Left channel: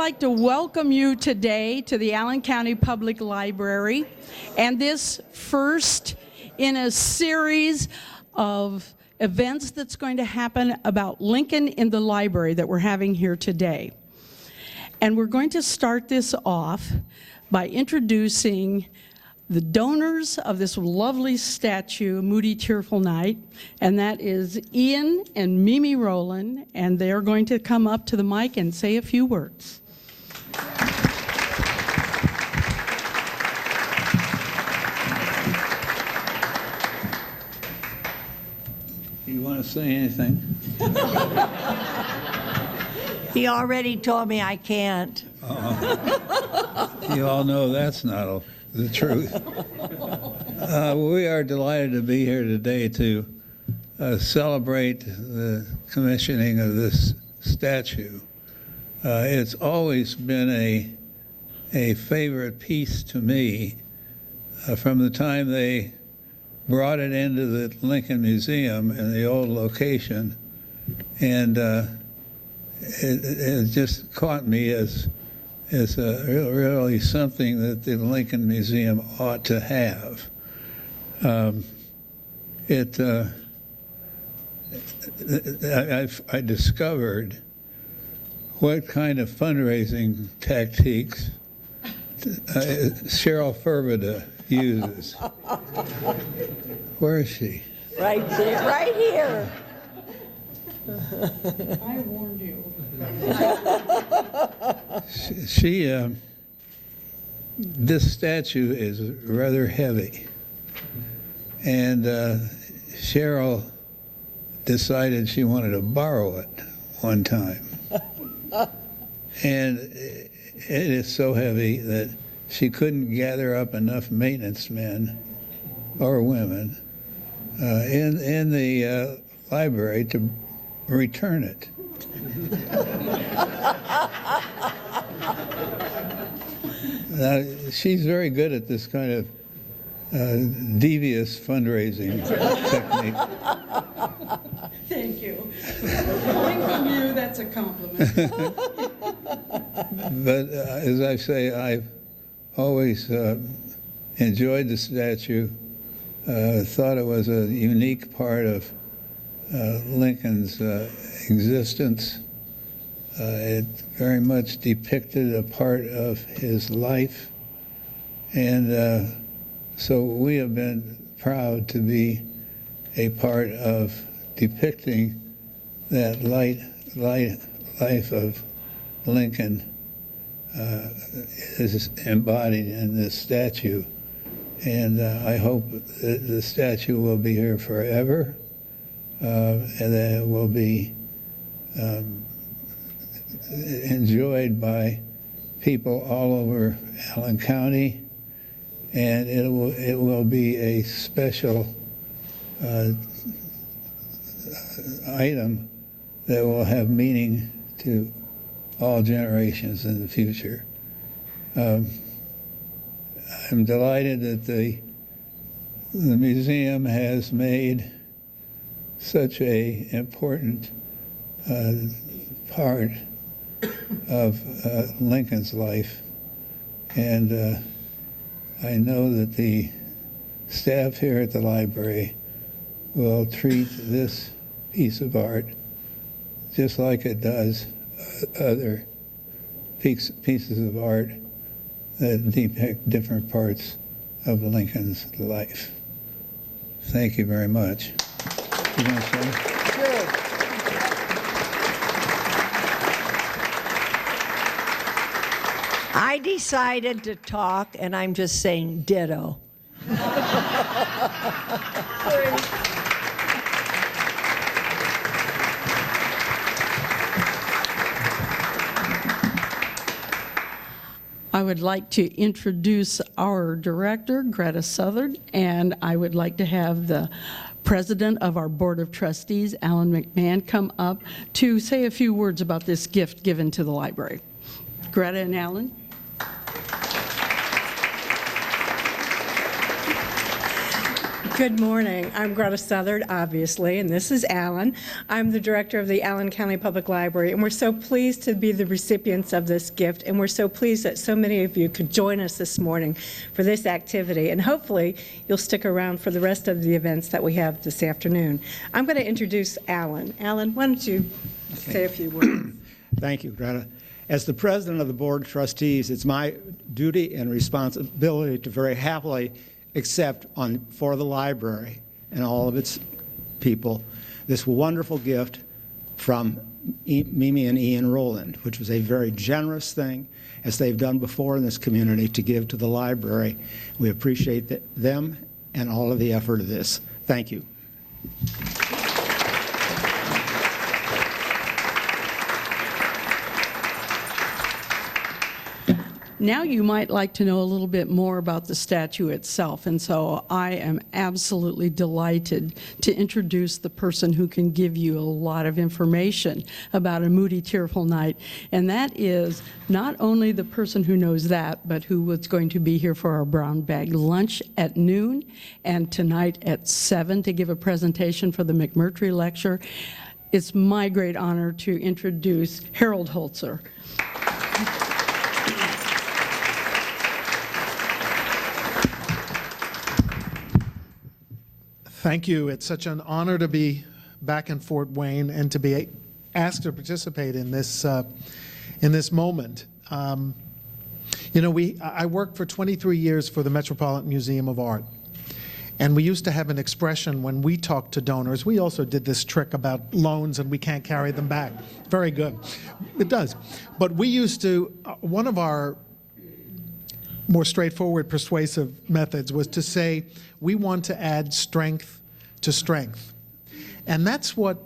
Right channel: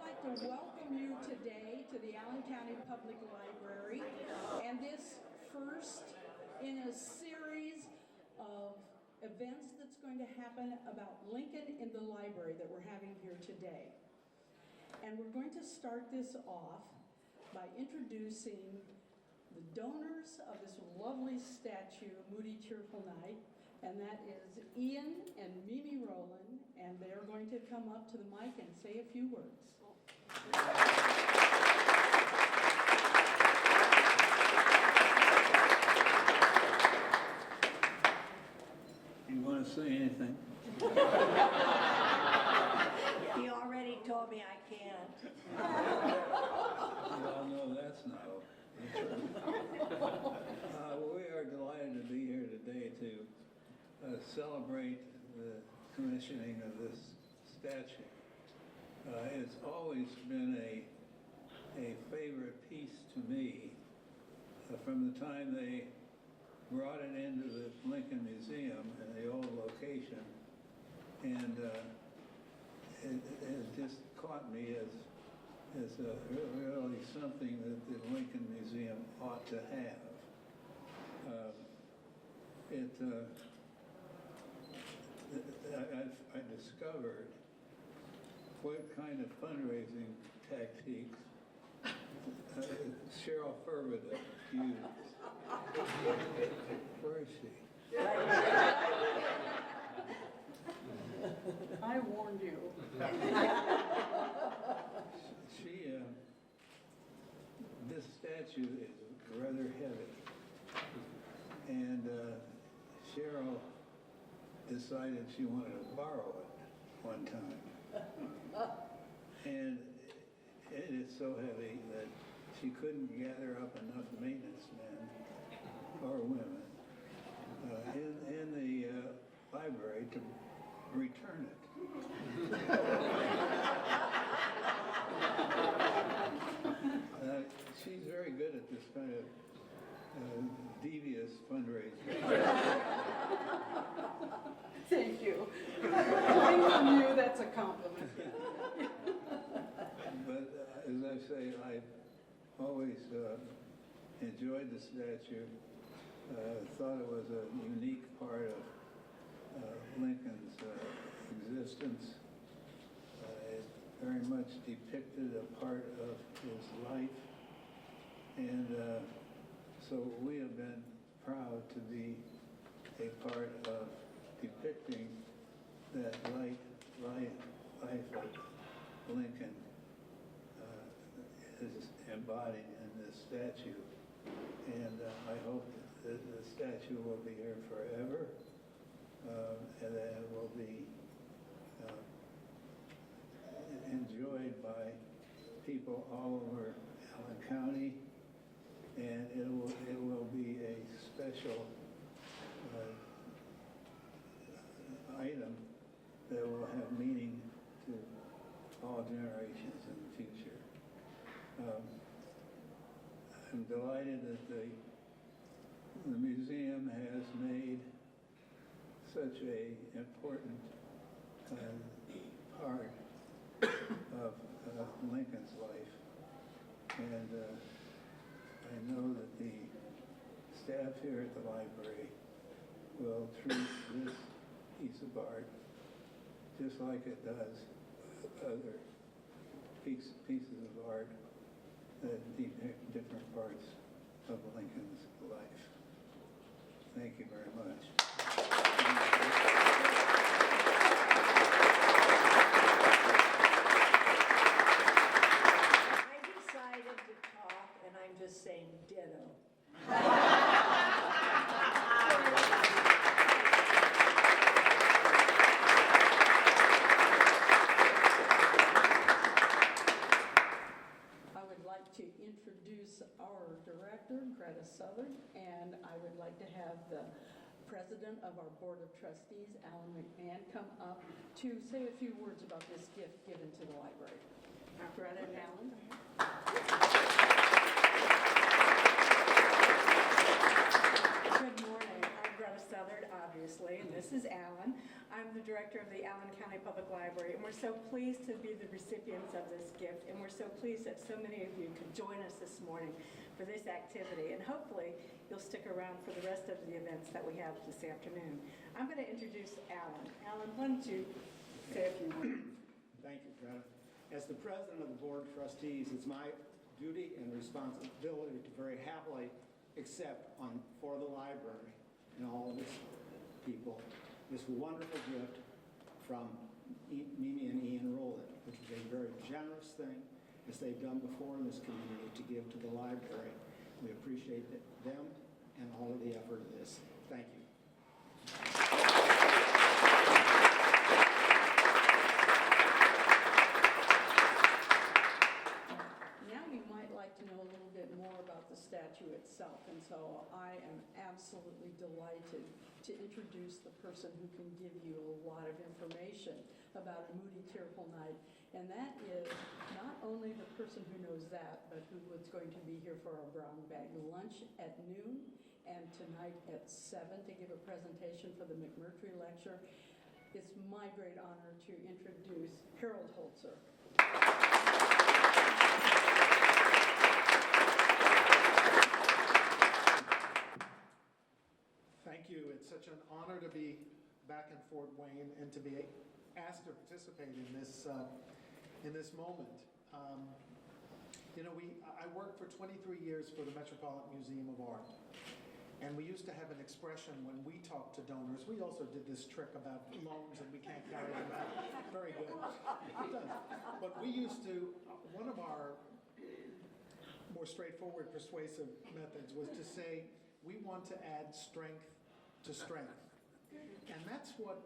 like to welcome you today to the Allen County Public Library, and this first in a series of events that's going to happen about Lincoln in the library that we're having here today. And we're going to start this off by introducing the donors of this lovely statue, Moody Tearful Night, and that is Ian and Mimi Rolland, and they're going to come up to the mic and say a few words. You want to say anything? He already told me I can't. You all know that's not the truth. We are delighted to be here today to celebrate the commissioning of this statue. It's always been a favorite piece to me from the time they brought it into the Lincoln Museum in the old location, and it just caught me as really something that the Lincoln Museum ought to have. I discovered what kind of fundraising tactics Cheryl Ferverda uses. Where is she? Right there, right here. I warned you. This statue is rather heavy, and Cheryl decided she wanted to borrow it one time. And it is so heavy that she couldn't gather up enough maintenance men or women in the library to return it. Now, she's very good at this kind of devious fundraising technique. Thank you. Coming from you, that's a compliment. But as I say, I've always enjoyed the statue, thought it was a unique part of Lincoln's existence. It very much depicted a part of his life, and so we have been proud to be a part of depicting that life of Lincoln is embodied in this statue, and I hope that the statue will be here forever, and that it will be enjoyed by people all over Allen County, and it will be a special item that will have meaning to all generations in the future. I'm delighted that the museum has made such an important part of Lincoln's life, and I know that the staff here at the library will treat this piece of art just like it does other pieces of art that depict different parts of Lincoln's life. Thank you very much. You gonna say? Good. I decided to talk, and I'm just saying ditto. I would like to introduce our director, Greta Southard, and I would like to have the president of our Board of Trustees, Alan McMahan, come up to say a few words about this gift given to the library. Greta and Alan. Good morning. I'm Greta Southard, obviously, and this is Alan. I'm the director of the Allen County Public Library, and we're so pleased to be the recipients of this gift, and we're so pleased that so many of you could join us this morning for this activity, and hopefully you'll stick around for the rest of the events that we have this afternoon. I'm going to introduce Alan. Alan, why don't you say a few words? Thank you, Greta. As the president of the Board of Trustees, it's my duty and responsibility to very happily accept for the library and all of its people this wonderful gift from Mimi and Ian Rolland, which was a very generous thing, as they've done before in this community, to give to the library. We appreciate them and all of the effort of this. Thank you. Now you might like to know a little bit more about the statue itself, and so I am absolutely delighted to introduce the person who can give you a lot of information about a Moody Tearful Night, and that is not only the person who knows that, but who was going to be here for our brown bag lunch at noon, and tonight at 7 to give a presentation for the McMurtry Lecture. It's my great honor to introduce Harold Holzer. Thank you. It's such an honor to be back in Fort Wayne and to be asked to participate in this moment. You know, I worked for 23 years for the Metropolitan Museum of Art, and we used to have an expression when we talked to donors. We also did this trick about loans and we can't carry them back. Very good. It does. But we used to, one of our more straightforward, persuasive methods was to say, we want to add strength to strength. And that's what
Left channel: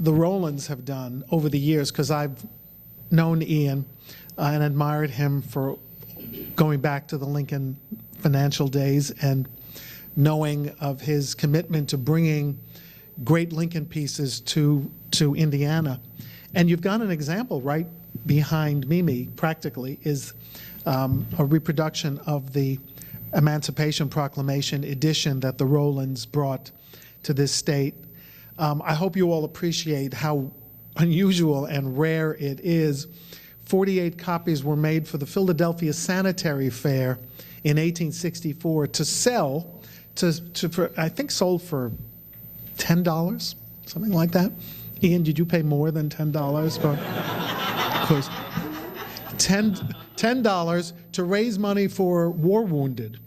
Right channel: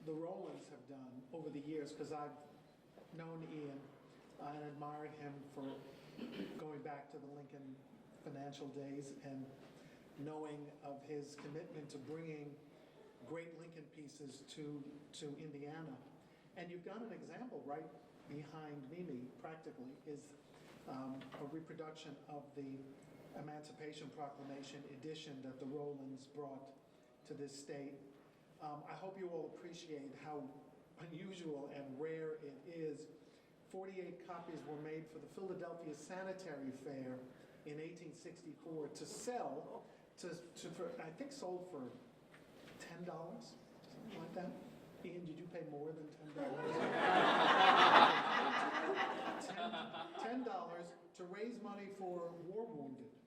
the Rollands have done over the years, because I've known Ian and admired him for going back to the Lincoln financial days and knowing of his commitment to bringing great Lincoln pieces to Indiana. And you've got an example right behind Mimi, practically, is a reproduction of the Emancipation Proclamation edition that the Rollands brought to this state. I hope you all appreciate how unusual and rare it is. 48 copies were made for the Philadelphia Sanitary Fair in 1864 to sell, I think sold for $10, something like that. Ian, did you pay more than $10 for? Of course. $10 to raise money for war wounded,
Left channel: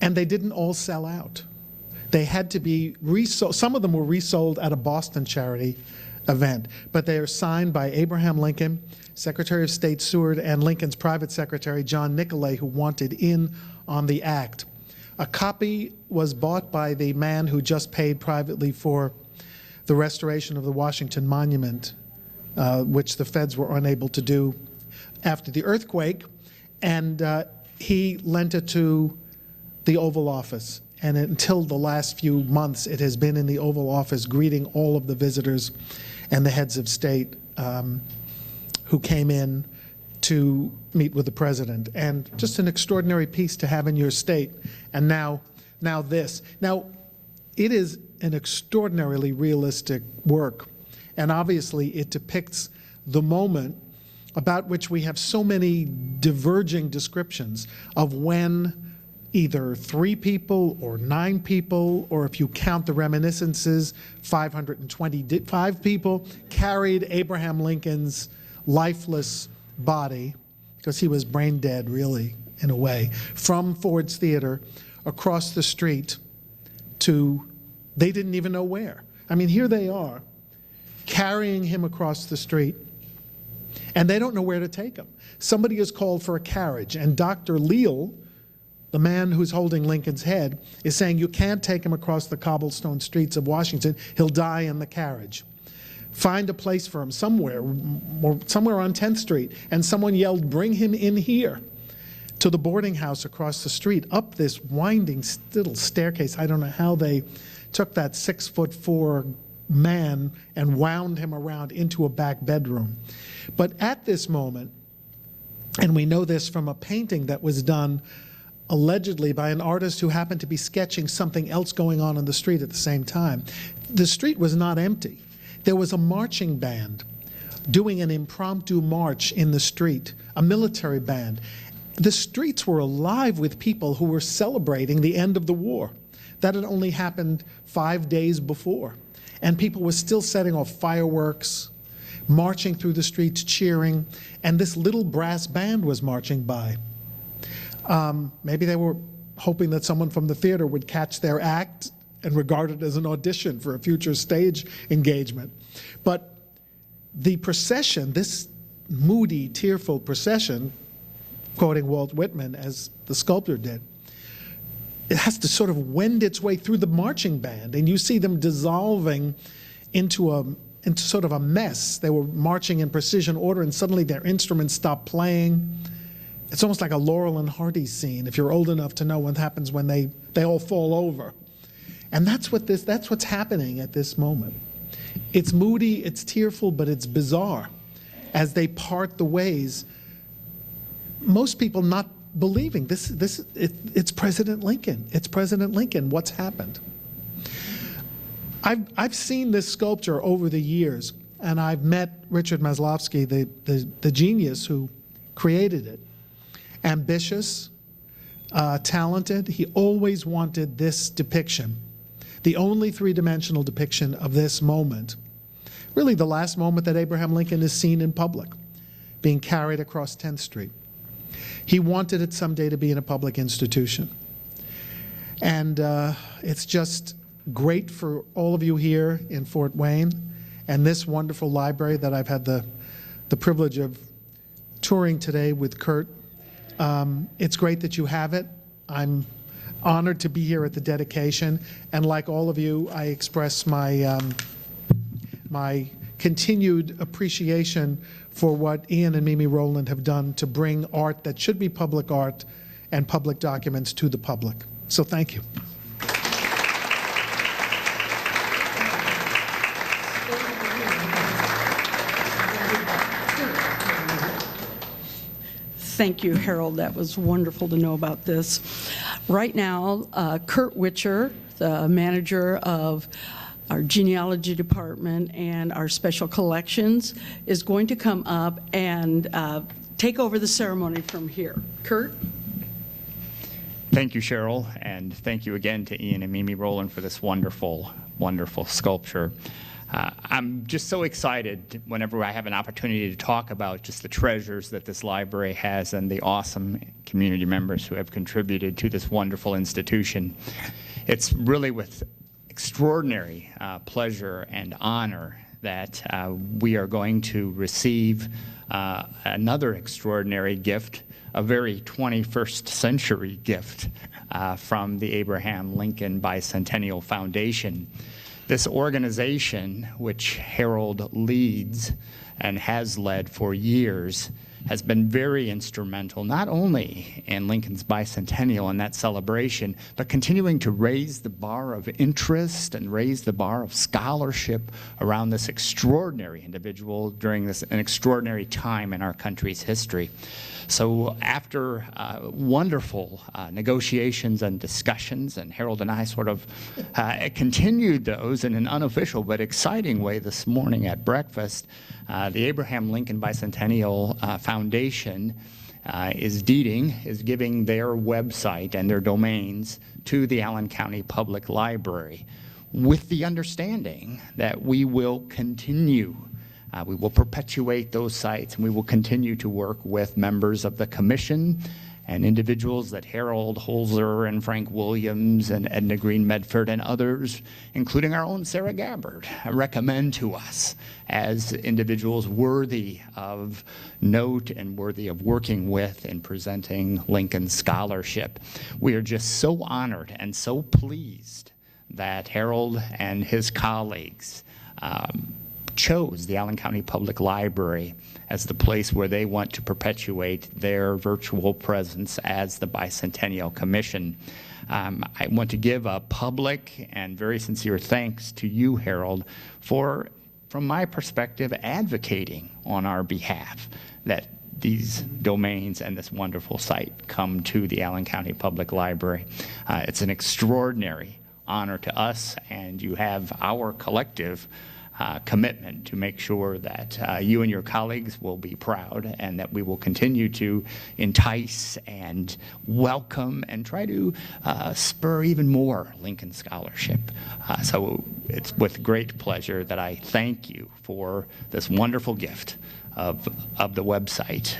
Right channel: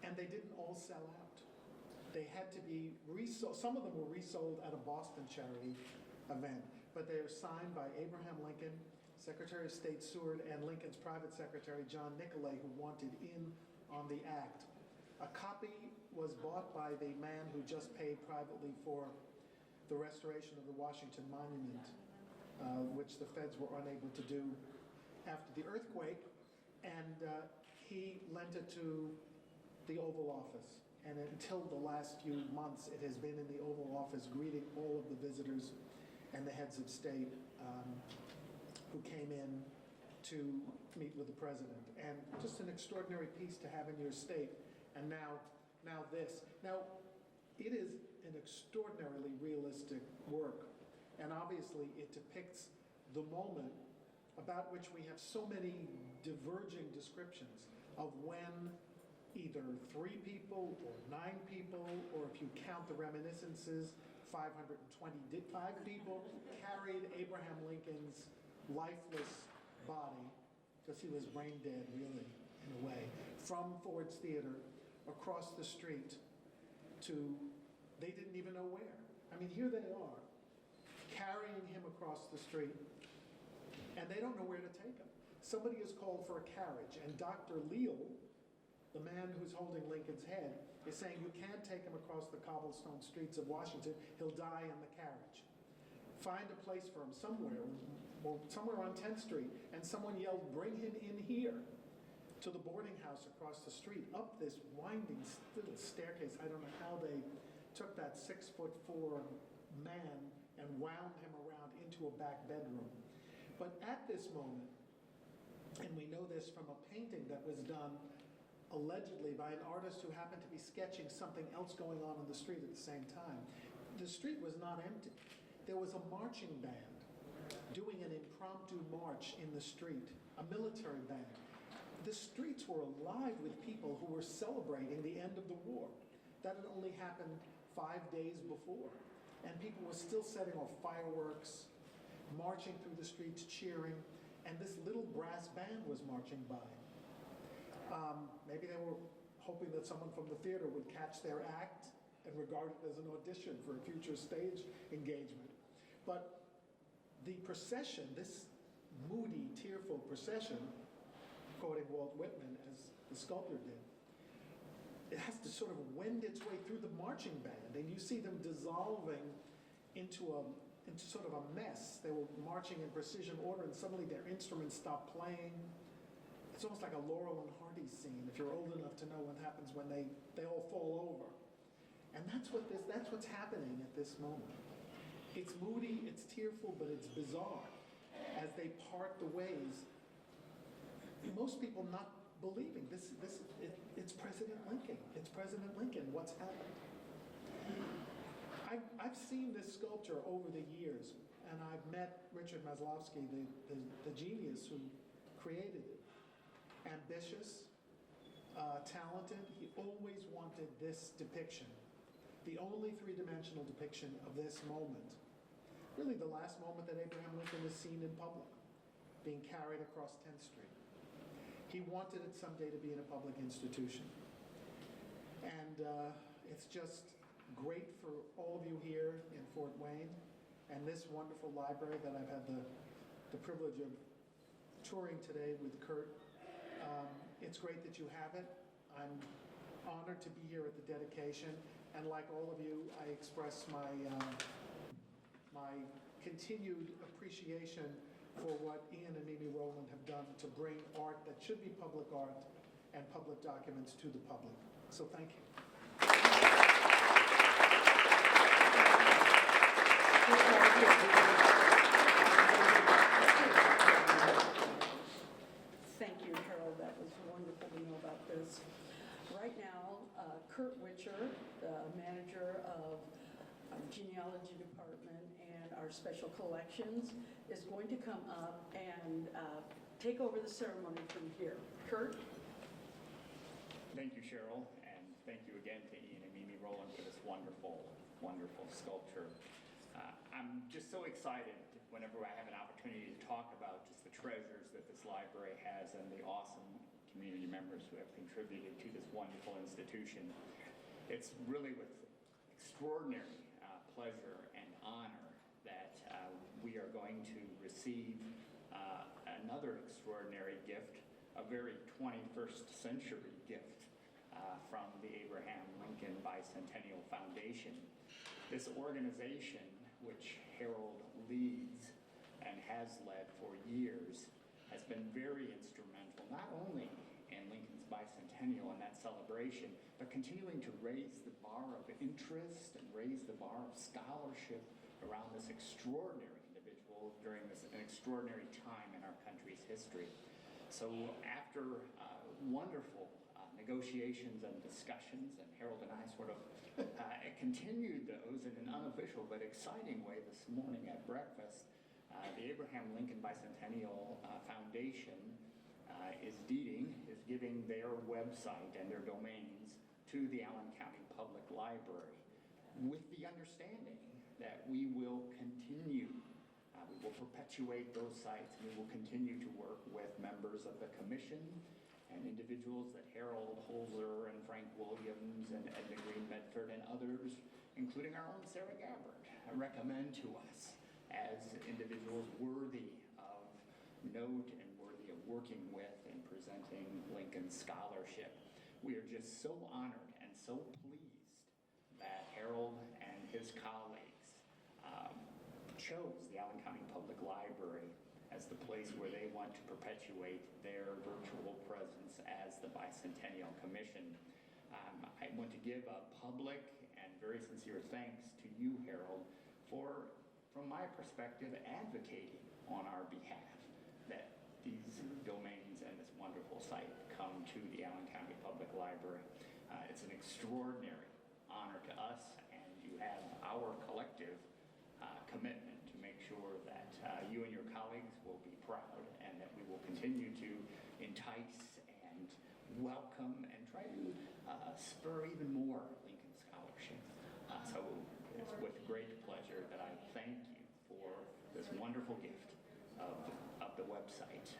and they didn't all sell out. They had to be resold. Some of them were resold at a Boston charity event, but they are signed by Abraham Lincoln, Secretary of State Seward, and Lincoln's private secretary, John Nicolay, who wanted in on the act. A copy was bought by the man who just paid privately for the restoration of the Washington Monument, which the feds were unable to do after the earthquake, and he lent it to the Oval Office. And until the last few months, it has been in the Oval Office greeting all of the visitors and the heads of state who came in to meet with the president. And just an extraordinary piece to have in your state. And now this. Now, it is an extraordinarily realistic work. And obviously, it depicts the moment about which we have so many diverging descriptions of when either 3 people or 9 people, or if you count the reminiscences, 525 people carried Abraham Lincoln's lifeless body, because he was brain dead, really, in a way, from Ford's Theater across the street to, they didn't even know where. I mean, here they are, carrying him across the street, and they don't know where to take him. Somebody has called for a carriage, and Dr. Leal, the man who's holding Lincoln's head, is saying, you can't take him across the cobblestone streets of Washington. He'll die in the carriage. Find a place for him somewhere, or somewhere on 10th Street. And someone yelled, bring him in here, to the boarding house across the street, up this winding little staircase. I don't know how they took that 6'4" man and wound him around into a back bedroom. But at this moment, and we know this from a painting that was done allegedly by an artist who happened to be sketching something else going on the street at the same time. The street was not empty. There was a marching band doing an impromptu march in the street, a military band. The streets were alive with people who were celebrating the end of the war. That had only happened 5 days before. And people were still setting off fireworks, marching through the streets, cheering, and this little brass band was marching by. Maybe they were hoping that someone from the theater would catch their act and regard it as an audition for a future stage engagement. But the procession, this moody, tearful procession, quoting Walt Whitman as the sculptor did, it has to sort of wend its way through the marching band, and you see them dissolving into sort of a mess. They were marching in precision order, and suddenly their instruments stopped playing. It's almost like a Laurel and Hardy scene, if you're old enough to know what happens when they all fall over. And that's what's happening at this moment. It's moody, it's tearful, but it's bizarre as they part the ways. Most people not believing it's President Lincoln. It's President Lincoln. What's happened? I've seen this sculpture over the years, and I've met Richard Maslowski, the genius who created it. Ambitious, talented. He always wanted this depiction, the only three-dimensional depiction of this moment. Really the last moment that Abraham Lincoln is seen in public, being carried across 10th Street. He wanted it someday to be in a public institution. And it's just great for all of you here in Fort Wayne and this wonderful library that I've had the privilege of touring today with Curt. It's great that you have it. I'm honored to be here at the dedication. And like all of you, I express my, my continued appreciation for what Ian and Mimi Rolland have done to bring art that should be public art and public documents to the public. So thank you. Thank you, Harold. That was wonderful to know about this. Right now, Curt Witcher, the manager of our genealogy department and our special collections, is going to come up and take over the ceremony from here. Curt? Thank you, Cheryl, and thank you again to Ian and Mimi Rolland for this wonderful, wonderful sculpture. I'm just so excited whenever I have an opportunity to talk about just the treasures that this library has and the awesome community members who have contributed to this wonderful institution. It's really with extraordinary pleasure and honor that we are going to receive another extraordinary gift, a very 21st century gift from the Abraham Lincoln Bicentennial Foundation. This organization, which Harold leads and has led for years, has been very instrumental, not only in Lincoln's bicentennial and that celebration, but continuing to raise the bar of interest and raise the bar of scholarship around this extraordinary individual during an extraordinary time in our country's history. So after wonderful negotiations and discussions, and Harold and I sort of continued those in an unofficial but exciting way this morning at breakfast, the Abraham Lincoln Bicentennial Foundation is giving their website and their domains to the Allen County Public Library with the understanding that we will continue we will perpetuate those sites, and we will continue to work with members of the commission and individuals that Harold Holzer and Frank Williams and Edna Green Medford and others, including our own Sarah Gabbard, recommend to us as individuals worthy of note and worthy of working with in presenting Lincoln scholarship. We are just so honored and so pleased that Harold and his colleagues chose the Allen County Public Library as the place where they want to perpetuate their virtual presence as the Bicentennial Commission. I want to give a public and very sincere thanks to you, Harold, for, from my perspective, advocating on our behalf that these domains and this wonderful site come to the Allen County Public Library. It's an extraordinary honor to us, and you have our collective commitment to make sure that you and your colleagues will be proud, and that we will continue to entice and welcome and try to spur even more Lincoln scholarship. So it's with great pleasure that I thank you for this wonderful gift of the website.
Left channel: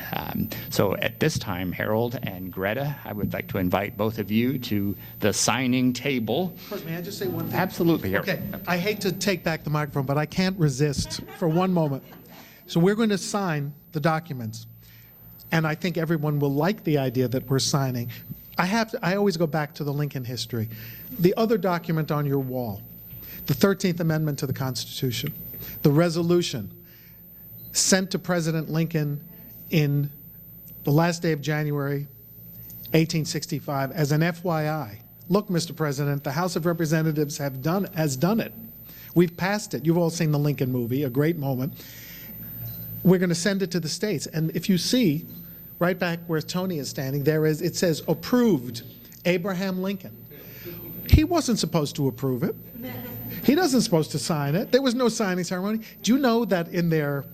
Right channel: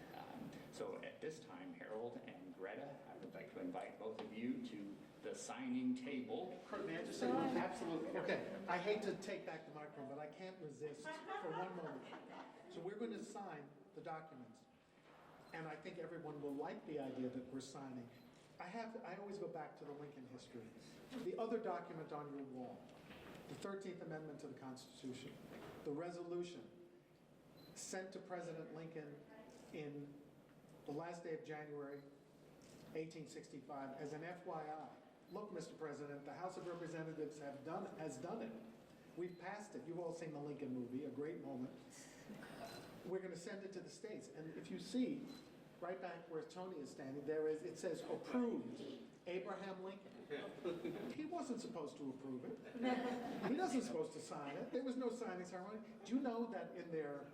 So at this time, Harold and Greta, I would like to invite both of you to the signing table. Kurt, may I just say one thing? Absolutely, Harold. Okay, I hate to take back the microphone, but I can't resist for one moment. So we're going to sign the documents, and I think everyone will like the idea that we're signing. I always go back to the Lincoln history. The other document on your wall, the 13th Amendment to the Constitution, the resolution sent to President Lincoln in the last day of January 1865 as an FYI. Look, Mr. President, the House of Representatives has done it. We've passed it. You've all seen the Lincoln movie, a great moment. We're going to send it to the states. And if you see, right back where Tony is standing, it says approved Abraham Lincoln. He wasn't supposed to approve it. He wasn't supposed to sign it. There was no signing ceremony. Do you know that in their,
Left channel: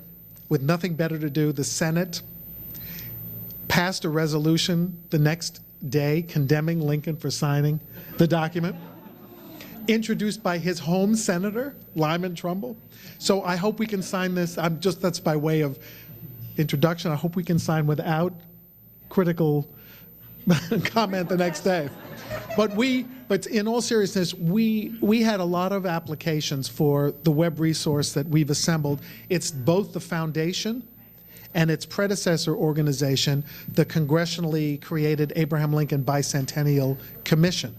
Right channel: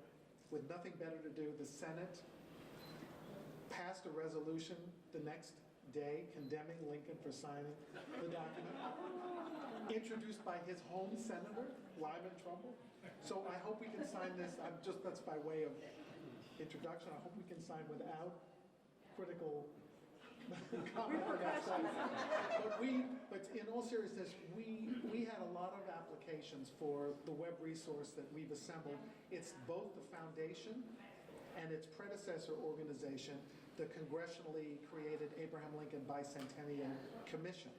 with nothing better to do, the Senate passed a resolution the next day condemning Lincoln for signing the document, introduced by his home senator, Lyman Trumbull? So I hope we can sign this. That's by way of introduction. I hope we can sign without critical comment the next day. But in all seriousness, we had a lot of applications for the web resource that we've assembled. It's both the foundation and its predecessor organization, the congressionally created Abraham Lincoln Bicentennial Commission.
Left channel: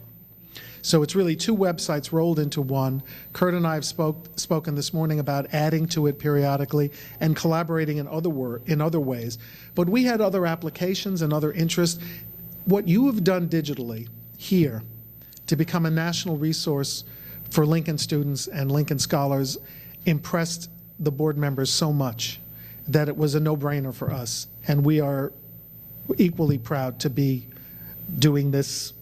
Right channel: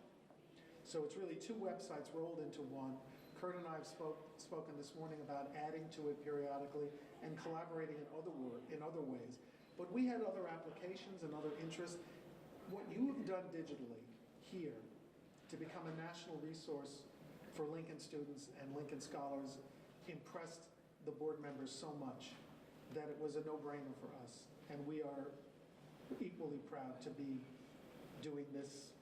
So it's really two websites rolled into one. Curt and I have spoken this morning about adding to it periodically and collaborating in other ways. But we had other applications and other interests. What you have done digitally here to become a national resource for Lincoln students and Lincoln scholars impressed the board members so much that it was a no-brainer for us. And we are equally proud to be doing this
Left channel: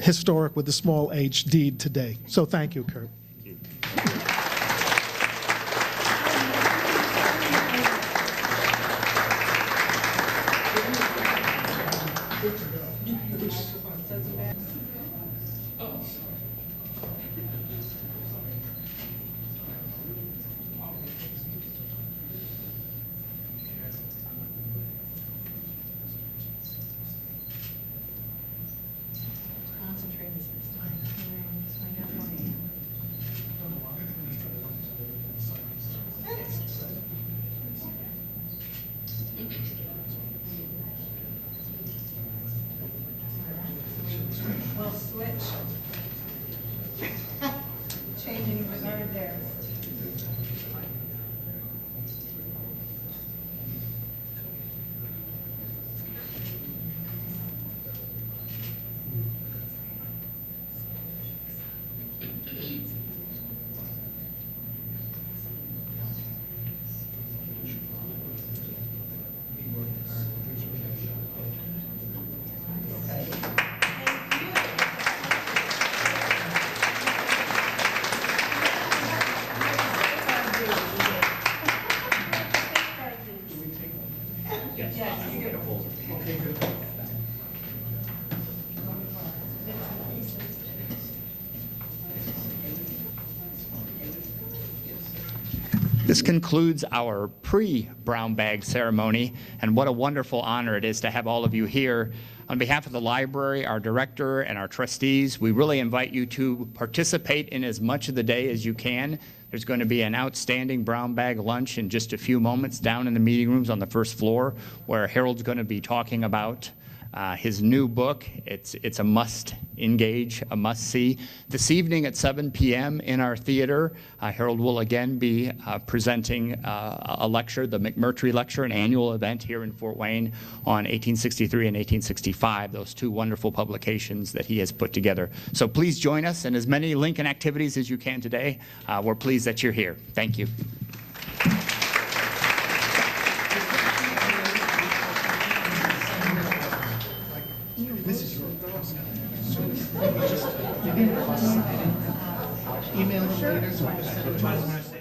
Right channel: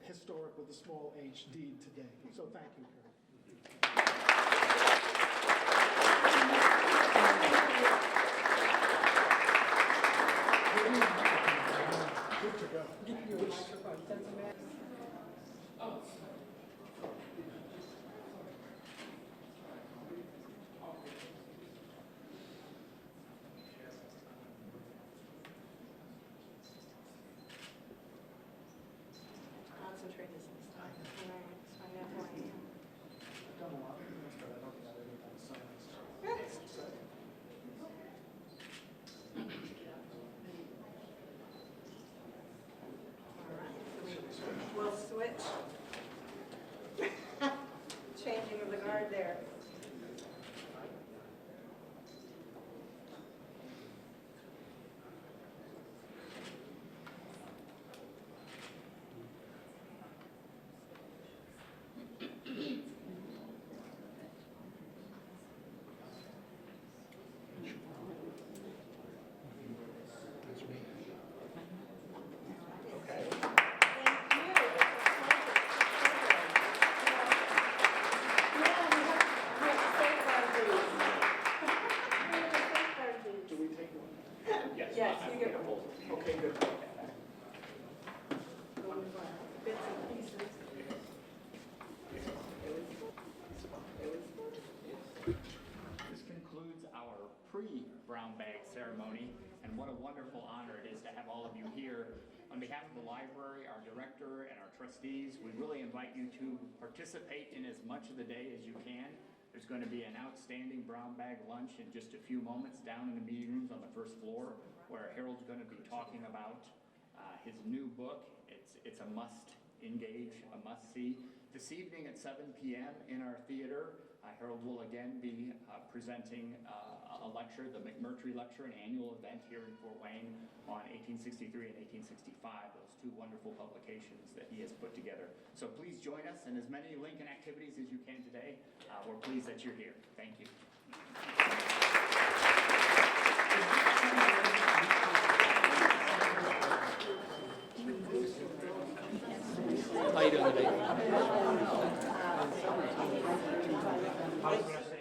historic with a small h deed today. So thank you, Curt. We'll switch. Changing the regard there. This concludes our pre-brown bag ceremony, and what a wonderful honor it is to have all of you here. On behalf of the library, our director, and our trustees, we really invite you to participate in as much of the day as you can. There's going to be an outstanding brown bag lunch in just a few moments down in the meeting rooms on the first floor, where Harold's going to be talking about his new book. It's a must engage, a must see. This evening at 7 p.m. in our theater, Harold will again be presenting a lecture, the McMurtry Lecture, an annual event here in Fort Wayne on 1863 and 1865, those two wonderful publications that he has put together. So please join us in as many Lincoln activities as you can today. We're pleased that you're here. Thank you. Sure.